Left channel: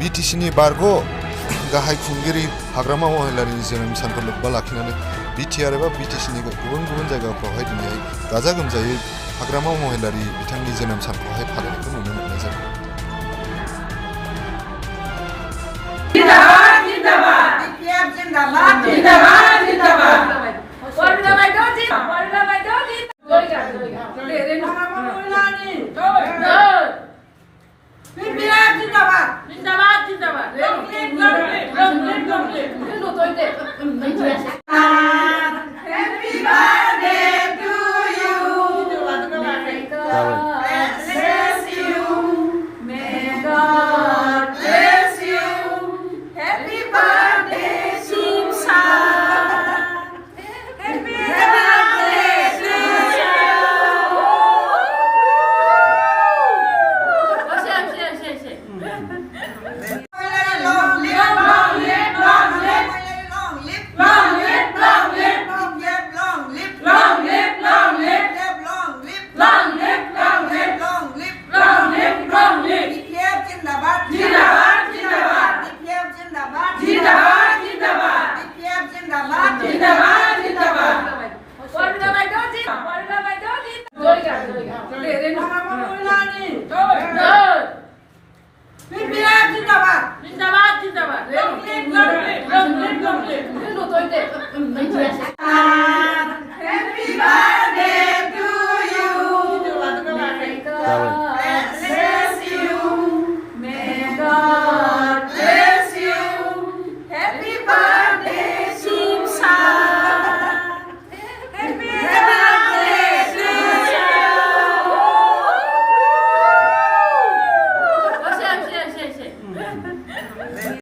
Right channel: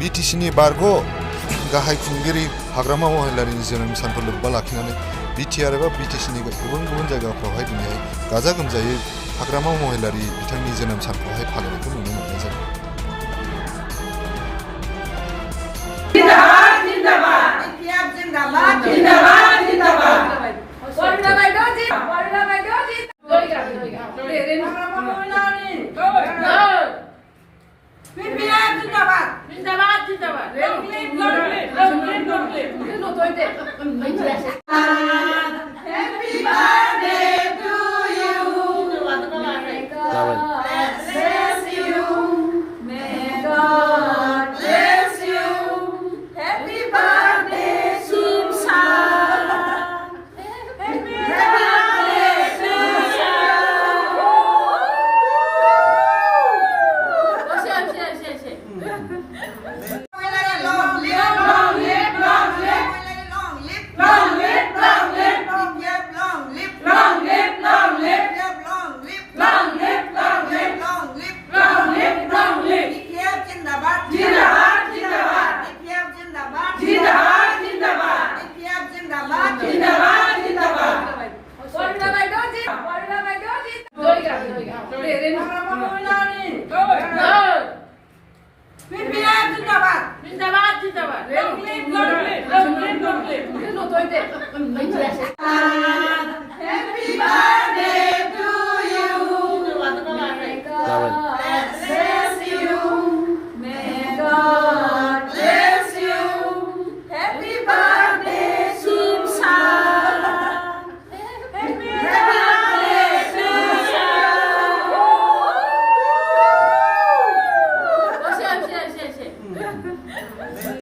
BTCनि बारग' गाहाय खुंगिरि हाग्रामा महिलारिनि जोनोम सानखौ लोब्बा लाखिनानै BTR एबा BTCनि गुबुन गुबुन जायगाफ्रावहाय दिनैहाय गाजा गोमजायै हाग्रामा महिलारि बिथांनि जोनोम सानखौहाय फालिनायखौ नुनो मोननाय जादों। जिंदाबाद जिंदाबाद BTR जिंदाबाद जिंदाबाद जिंदाबाद Happy birthday to you. Bless you. May God bless you. Happy birthday, Simsa. Happy birthday to you. Long live, long live, long live, long live, long live, long live, long live, long live, long live, long live, long live, long live, long live, long live, long live, long live. BTR जिंदाबाद जिंदाबाद जिंदाबाद BTR जिंदाबाद जिंदाबाद जिंदाबाद BTR जिंदाबाद जिंदाबाद जिंदाबाद BTR जिंदाबाद जिंदाबाद जिंदाबाद long live, long live, long live, long live. Happy birthday to you. Bless you. May God bless you. Happy birthday, Simsa. Happy birthday to you.